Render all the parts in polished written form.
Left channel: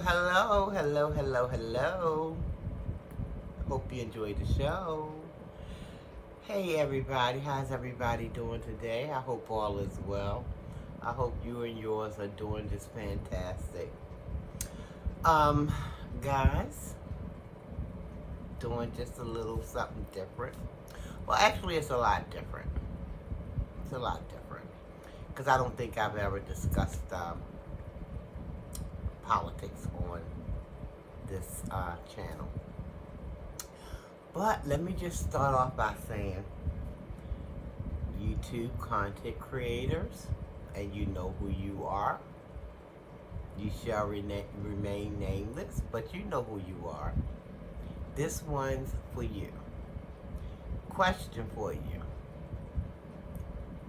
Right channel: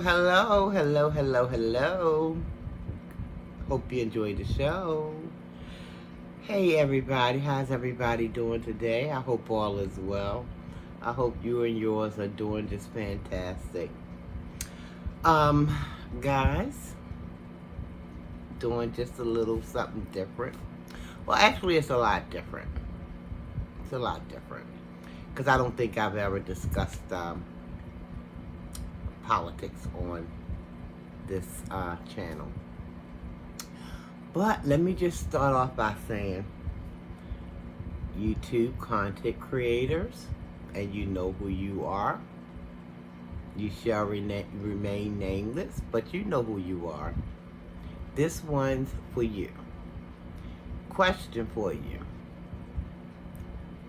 hello, hello, hello, hello. Hope you enjoyed the show. Hey, everybody, how's everybody doing today? I hope all is well. I hope you and yours are doing just fantastic. Um, guys, doing just a little something different. Well, actually, it's a lot different. It's a lot different because I don't think I've ever discussed politics on this channel. But let me just start off by saying YouTube content creators, and you know who you are. You shall remain nameless, but you know who you are. This one's for you. Question for you.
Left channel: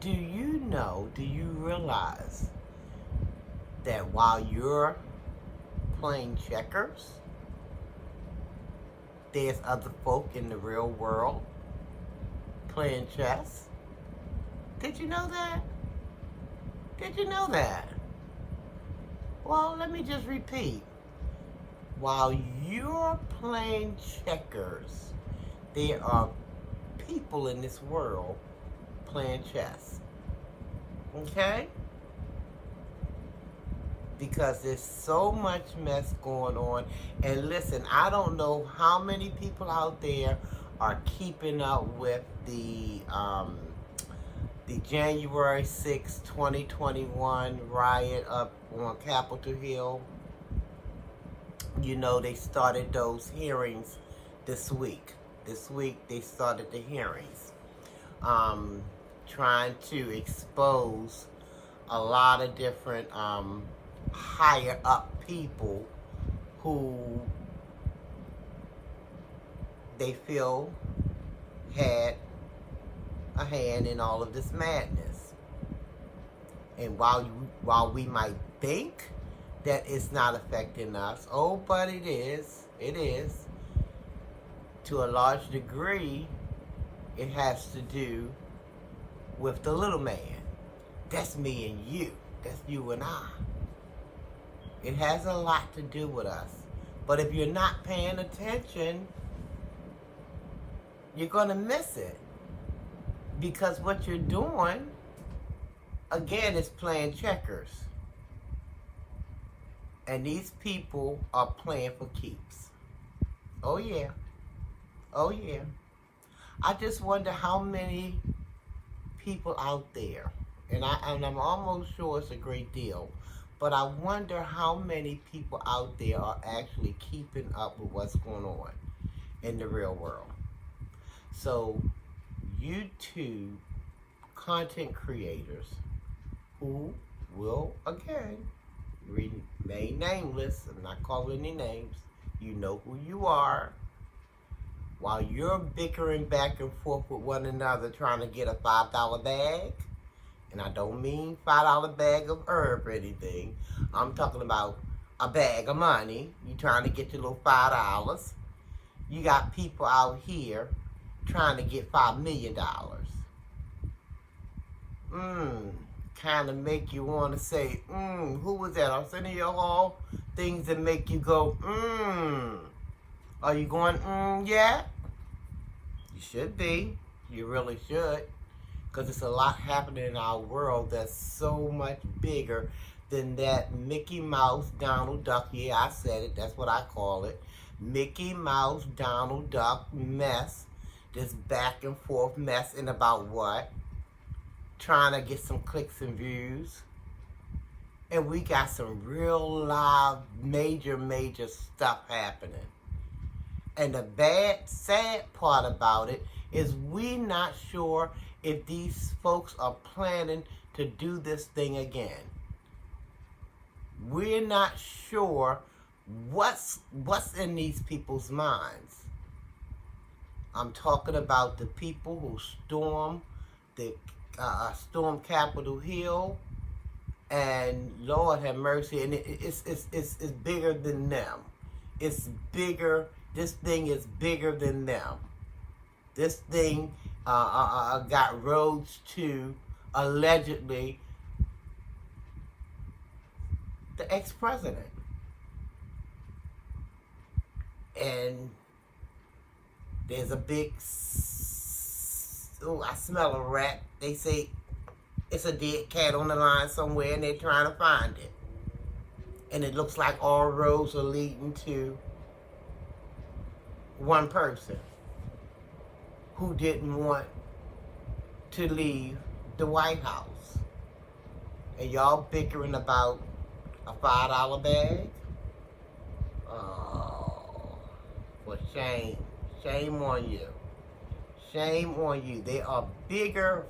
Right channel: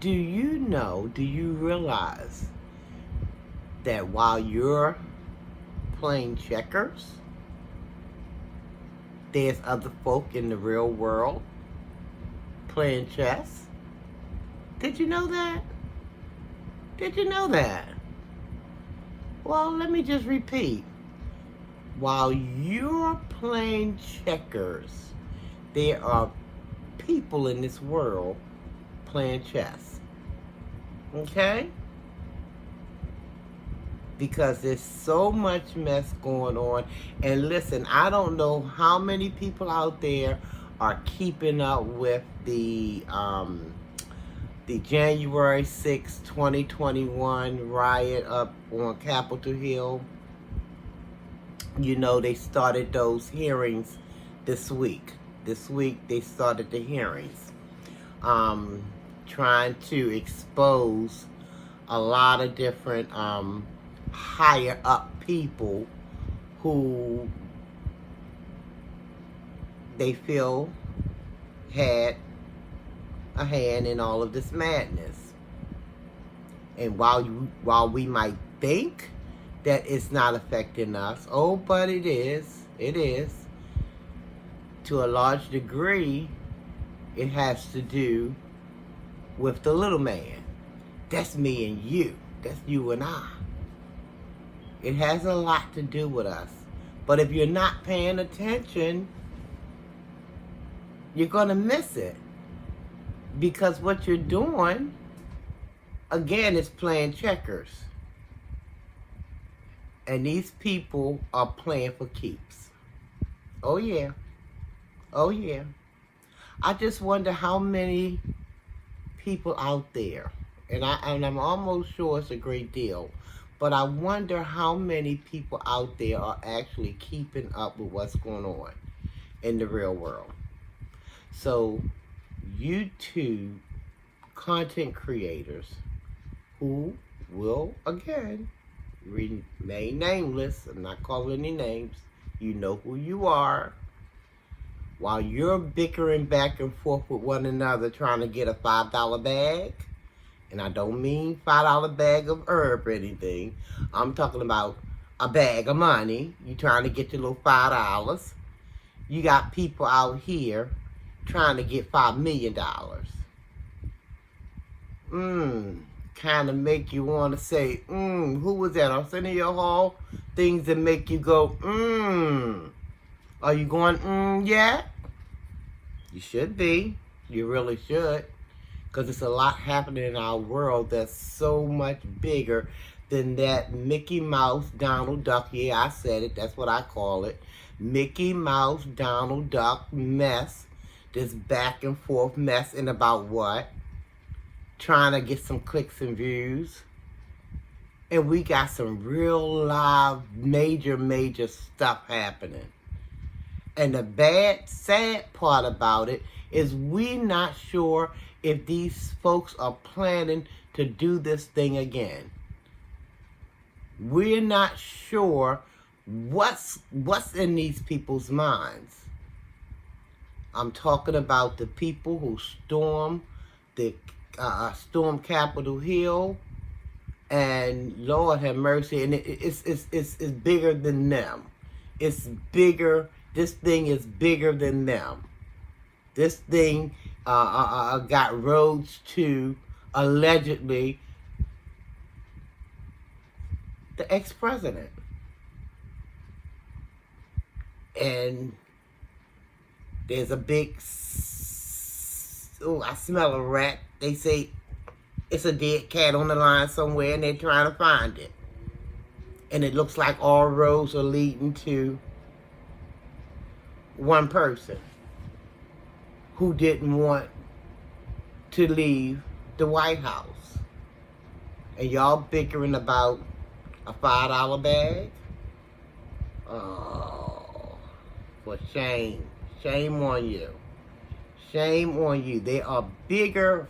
Do you realize that while you're playing checkers, there's other folk in the real world playing chess? Did you know that? Did you know that? Well, let me just repeat. While you're playing checkers, there are people in this world playing chess. Okay? Because there's so much mess going on. And listen, I don't know how many people out there are keeping up with the January 6, 2021 riot up on Capitol Hill. You know, they started those hearings this week. This week they started the hearings. Trying to expose a lot of different higher up people who they feel had a hand in all of this madness. And while we might think that it's not affecting us, oh, but it is. It is. To a large degree, it has to do with the little man. That's me and you. That's you and I. It has a lot to do with us. But if you're not paying attention, you're going to miss it. Because what you're doing, again, is playing checkers. And these people are playing for keeps. Oh, yeah. Oh, yeah. I just wonder how many people out there, and I'm almost sure it's a great deal, but I wonder how many people out there are actually keeping up with what's going on in the real world. So, YouTube content creators who will, again, remain nameless, I'm not calling any names, you know who you are, while you're bickering back and forth with one another trying to get a $5 bag, and I don't mean $5 bag of herb or anything, I'm talking about a bag of money, you trying to get your little $5, you got people out here trying to get $5 million. Kind of make you want to say, who was that? Arsenio Hall? Things that make you go, Are you going, yet? You should be. You really should. Because there's a lot happening in our world that's so much bigger than that Mickey Mouse, Donald Duck. Yeah, I said it. That's what I call it. Mickey Mouse, Donald Duck mess. This back and forth messing about what? Trying to get some clicks and views. And we got some real live, major stuff happening. And the bad, sad part about it is we're not sure if these folks are planning to do this thing again. We're not sure what's in these people's minds. I'm talking about the people who stormed Capitol Hill, and Lord have mercy, and it's bigger than them. It's bigger. This thing is bigger than them. This thing got roads to, allegedly, the ex-president. and there's a big, oh, I smell a rat. They say it's a dead cat on the line somewhere, and they're trying to find it. And it looks like all roads are leading to one person who didn't want to leave the White House. And y'all bickering about a $5 bag? Oh, for shame. Shame on you. Shame on you. They are bigger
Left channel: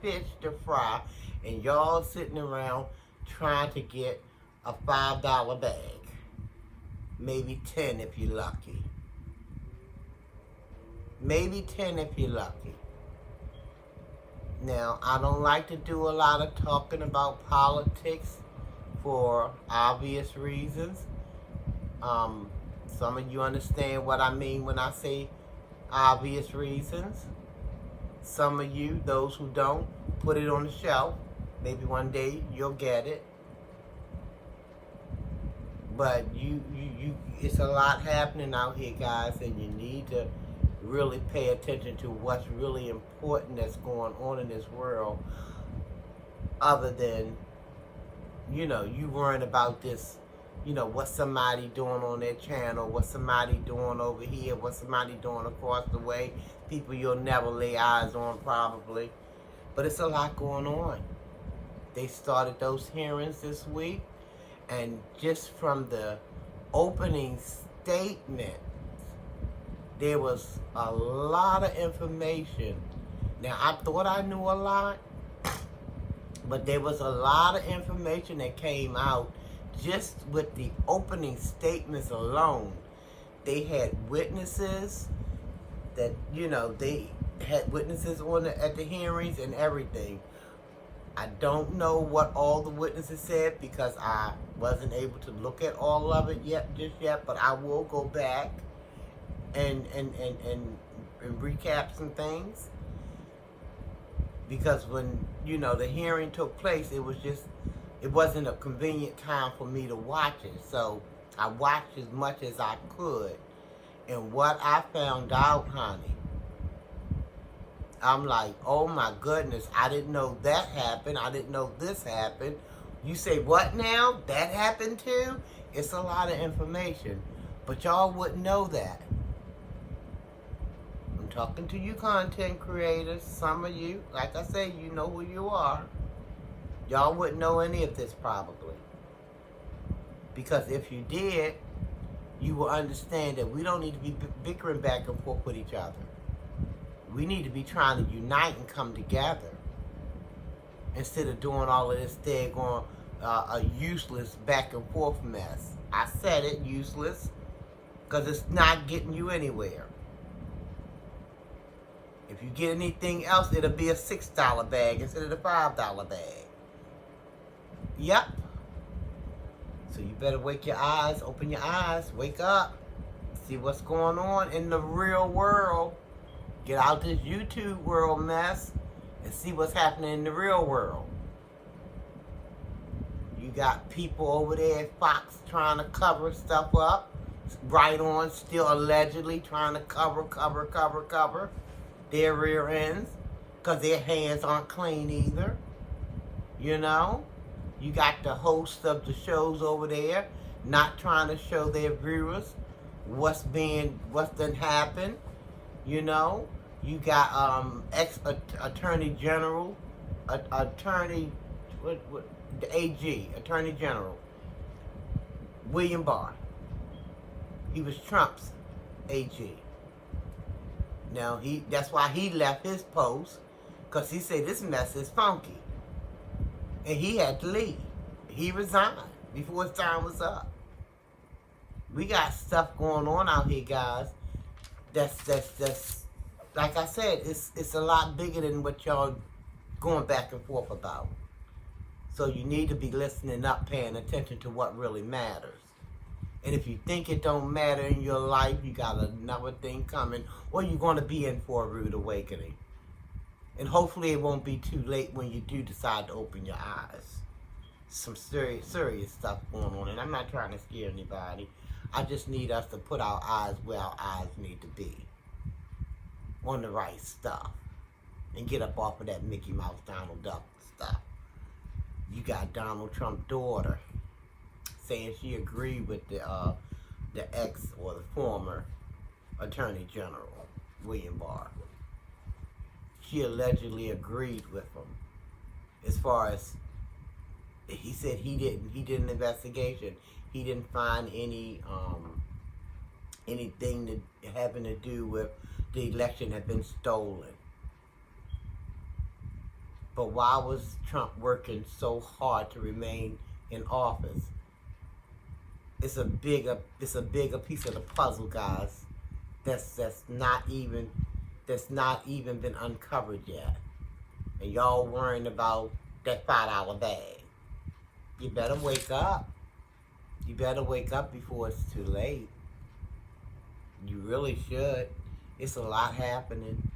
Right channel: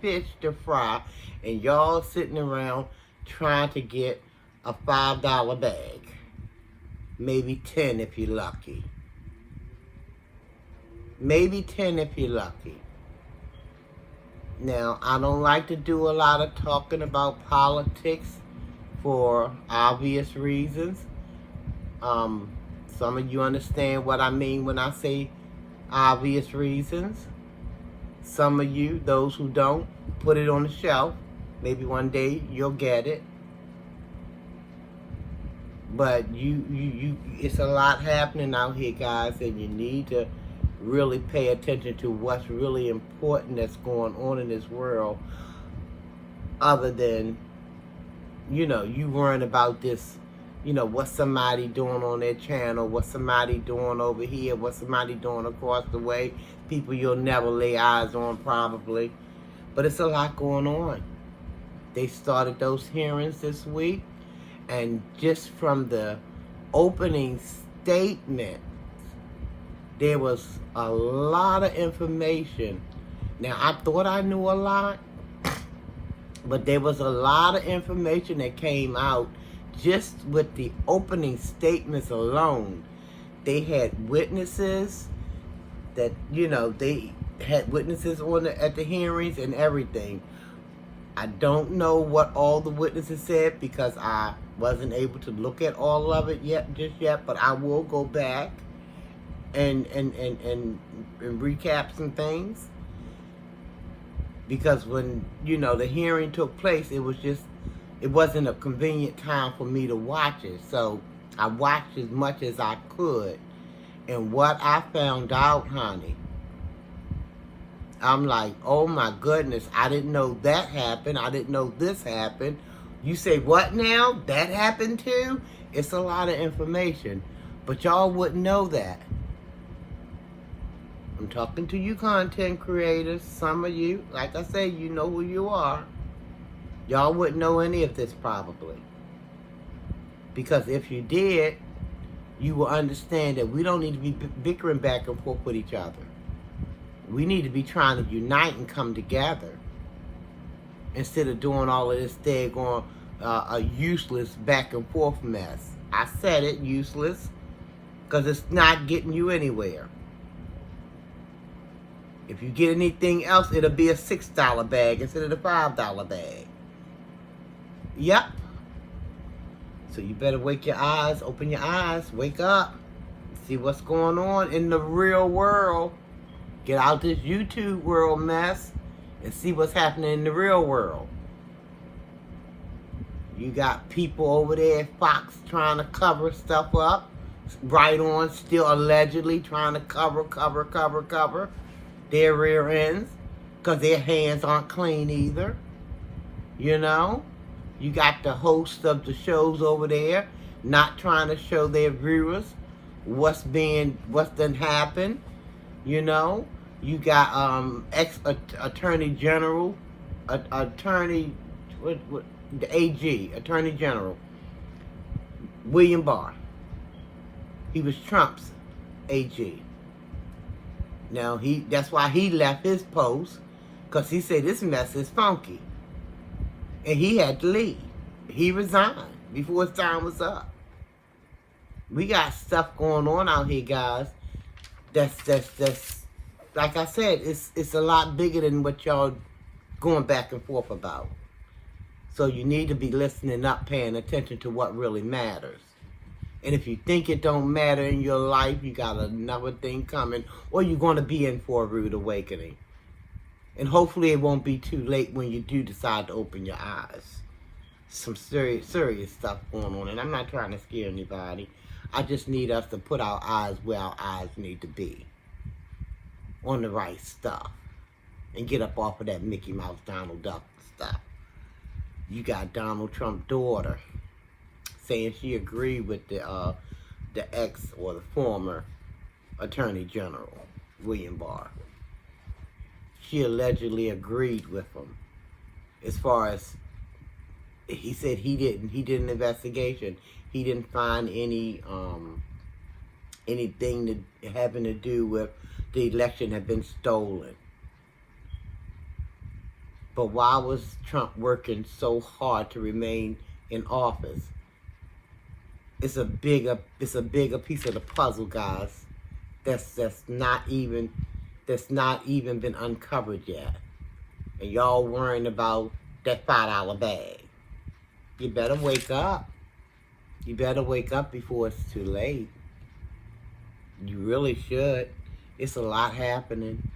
fish to fry, and y'all sitting around trying to get a $5 bag. Maybe 10 if you're lucky. Maybe 10 if you're lucky. Now, I don't like to do a lot of talking about politics for obvious reasons. Some of you understand what I mean when I say obvious reasons. Some of you, those who don't, put it on the shelf. Maybe one day you'll get it. But it's a lot happening out here, guys, and you need to really pay attention to what's really important that's going on in this world, other than, you worrying about this, what somebody doing on their channel, what somebody doing over here, what somebody doing across the way, people you'll never lay eyes on probably. But it's a lot going on. They started those hearings this week, and just from the opening statement, there was a lot of information. Now, I thought I knew a lot, but there was a lot of information that came out just with the opening statements alone. They had witnesses that, they had witnesses at the hearings and everything. I don't know what all the witnesses said because I wasn't able to look at all of it just yet, but I will go back and recap some things, because when the hearing took place, it wasn't a convenient time for me to watch it, so I watched as much as I could. And what I found out, honey, I'm like, oh my goodness, I didn't know that happened, I didn't know this happened. You say, what now? That happened too? It's a lot of information, but y'all wouldn't know that. I'm talking to you content creators. Some of you, like I say, you know who you are. Y'all wouldn't know any of this probably. Because if you did, you will understand that we don't need to be bickering back and forth with each other. We need to be trying to unite and come together, instead of doing all of this daggone a useless back and forth mess. I said it, useless, because it's not getting you anywhere. If you get anything else, it'll be a $6 bag instead of the $5 bag. Yep. So you better wake your eyes, open your eyes, wake up, see what's going on in the real world. Get out this YouTube world mess and see what's happening in the real world. You got people over there at Fox trying to cover stuff up. Right On still allegedly trying to cover their rear ends, because their hands aren't clean either. You got the hosts of the shows over there not trying to show their viewers what's done happened. You got Attorney General, the AG, Attorney General William Barr. He was Trump's AG. Now, that's why he left his post, because he said this mess is funky. And he had to leave. He resigned before his time was up. We got stuff going on out here, guys. That's like I said, it's a lot bigger than what y'all going back and forth about. So you need to be listening up, paying attention to what really matters. And if you think it don't matter in your life, you got another thing coming, or you're going to be in for a rude awakening. And hopefully it won't be too late when you do decide to open your eyes. Some serious stuff going on, and I'm not trying to scare anybody. I just need us to put our eyes where our eyes need to be, on the right stuff, and get up off of that Mickey Mouse, Donald Duck stuff. You got Donald Trump's daughter saying she agreed with the ex or the former Attorney General, William Barr. She allegedly agreed with him as far as, he said he did an investigation. He didn't find anything having to do with the election had been stolen. But why was Trump working so hard to remain in office? It's a bigger piece of the puzzle, guys. That's not even been uncovered yet. And y'all worrying about that $5 bag. You better wake up. You better wake up before it's too late. You really should. It's a lot happening.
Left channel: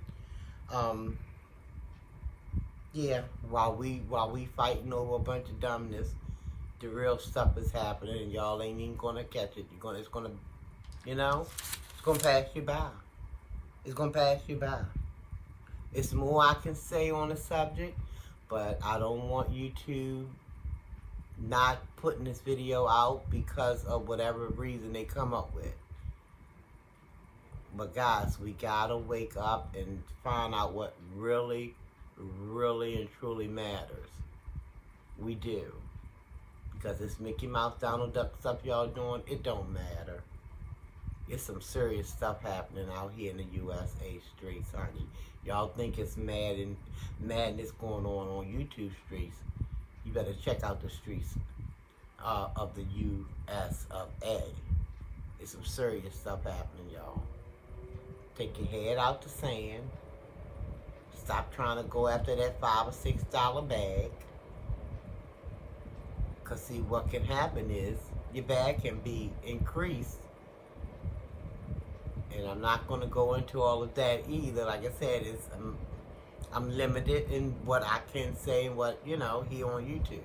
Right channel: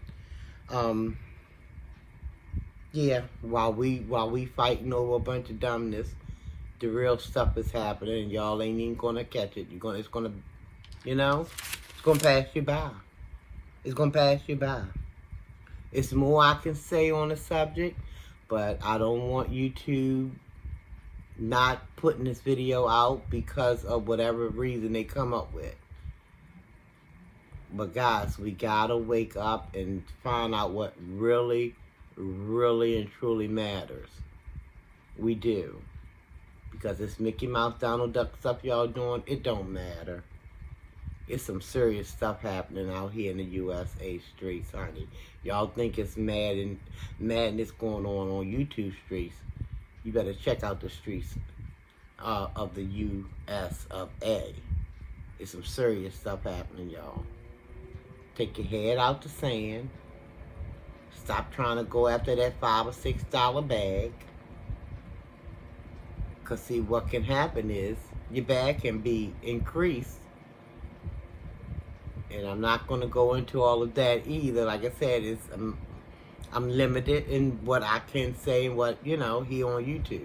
Yeah, while we fighting over a bunch of dumbness, the real stuff is happening, and y'all ain't even gonna catch it. It's gonna pass you by. It's gonna pass you by. It's more I can say on the subject, but I don't want YouTube not putting this video out because of whatever reason they come up with. But guys, we gotta wake up and find out what really and truly matters. We do. Because this Mickey Mouse, Donald Duck stuff y'all doing, it don't matter. It's some serious stuff happening out here in the USA streets, honey. Y'all think it's madness going on YouTube streets. You better check out the streets of the US of A. It's some serious stuff happening, y'all. Take your head out the sand. Stop trying to go after that $5 or $6 bag. Because see, what can happen is your bag can be increased. And I'm not going to go into all of that either. Like I said, I'm limited in what I can say and what, here on YouTube.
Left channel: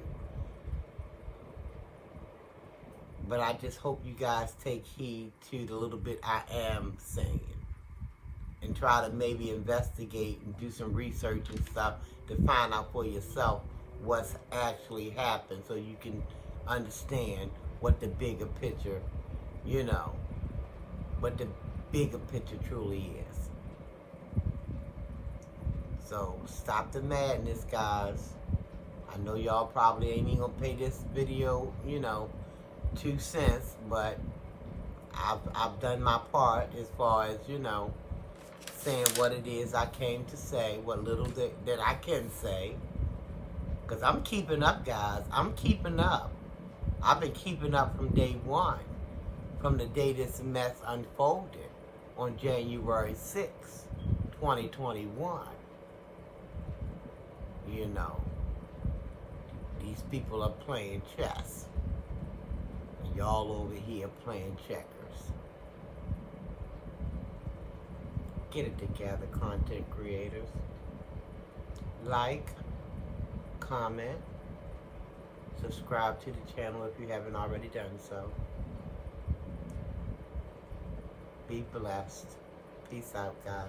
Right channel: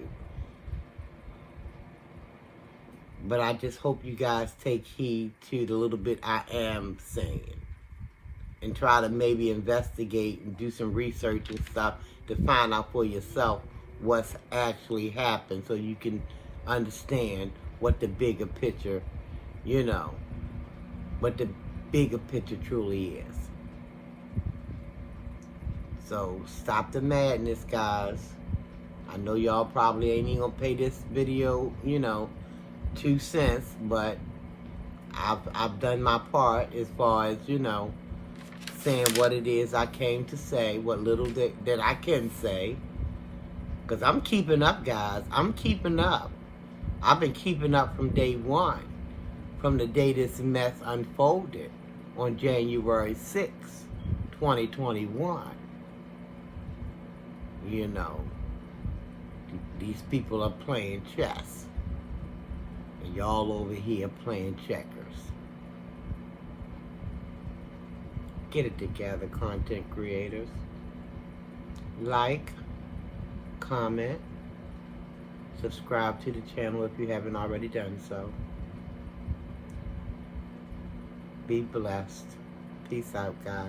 But I just hope you guys take heed to the little bit I am saying. And try to maybe investigate and do some research and stuff to find out for yourself what's actually happened, so you can understand what the bigger picture, what the bigger picture truly is. So stop the madness, guys. I know y'all probably ain't even gonna pay this video, 2 cents, but I've done my part as far as, saying what it is I came to say, what little that I can say. Because I'm keeping up, guys. I'm keeping up. I've been keeping up from day one. From the day this mess unfolded on January 6th, 2021. These people are playing chess. And y'all over here playing checkers. Get it together, content creators. Like, comment, subscribe to the channel if you haven't already done so. Be blessed. Peace out, guys.